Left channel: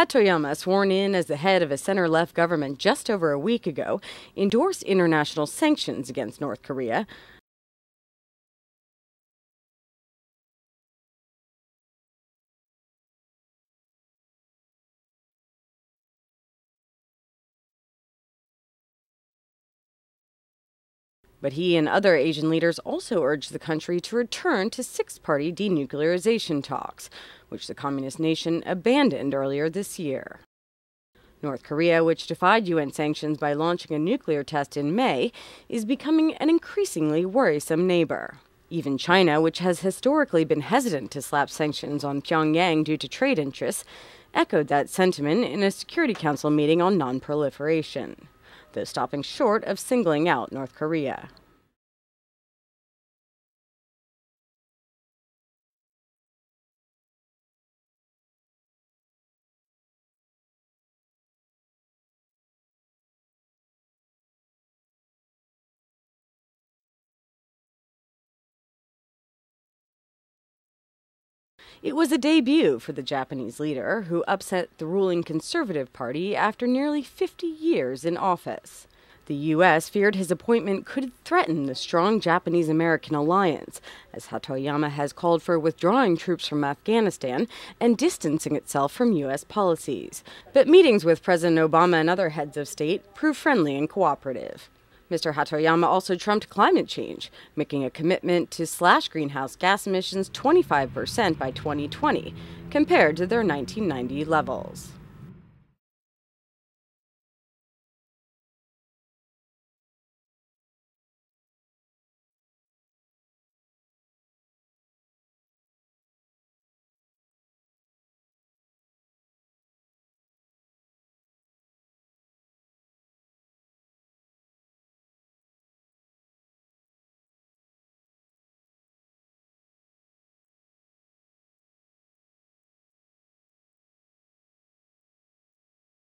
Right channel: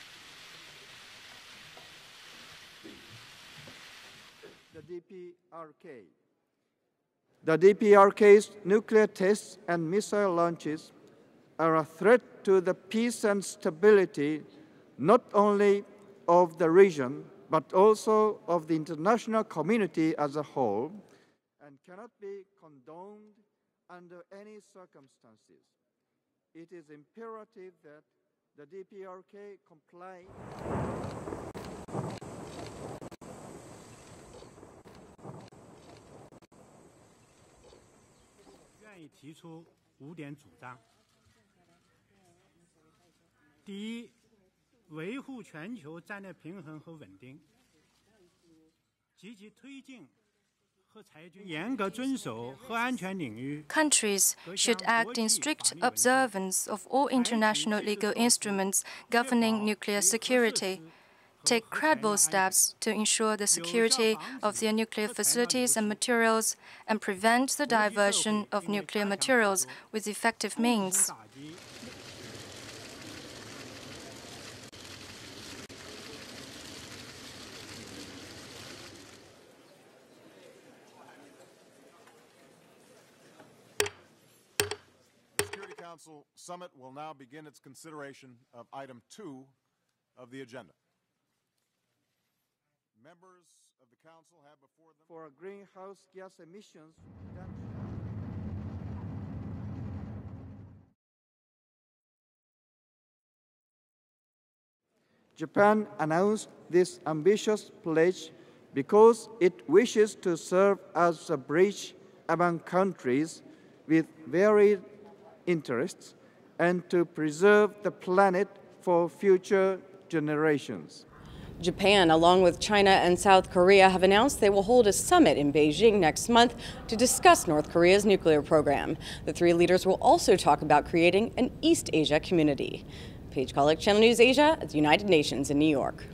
Hatoyama, sworn in as the head of a center-left government just over a week ago, endorsed international sanctions against North Korea. The DPRK's nuclear tests and missile launches are a threat to the peace and stability not only of the region, but also of the international community as a whole. But he and other Asian leaders also urged the country to return to six-party denuclearization talks, which the communist nation abandoned earlier this year. North Korea, which defied UN sanctions by launching a nuclear test in May, is becoming an increasingly worrisome neighbor. Even China, which has historically been hesitant to slap sanctions on Pyongyang due to trade interests, echoed that sentiment in a Security Council meeting on non-proliferation, though stopping short of singling out North Korea. Countries should act in strict observance of all international legal instruments governing nuclear security, take credible steps to ensure the security of their nuclear facilities and materials, and prevent the diversion of nuclear materials with effective means. It was a debut for the Japanese leader, who upset the ruling Conservative Party after nearly 50 years in office. The U.S. feared his appointment could threaten the strong Japanese-American alliance, as Hatoyama has called for withdrawing troops from Afghanistan and distancing itself from U.S. policies. But meetings with President Obama and other heads of state proved friendly and cooperative. Mr. Hatoyama also trumped climate change, making a commitment to slash greenhouse gas emissions 25% by 2020, compared to their 1990 levels. Japan announced this ambitious pledge because it wishes to serve as a bridge among countries with varied interests and to preserve the planet for future generations. Japan, along with China and South Korea, have announced they will hold a summit in Beijing next month to discuss North Korea's nuclear program. The three leaders will also talk about creating an East Asia community. Paige Kollick, Channel News Asia at the United Nations in New York.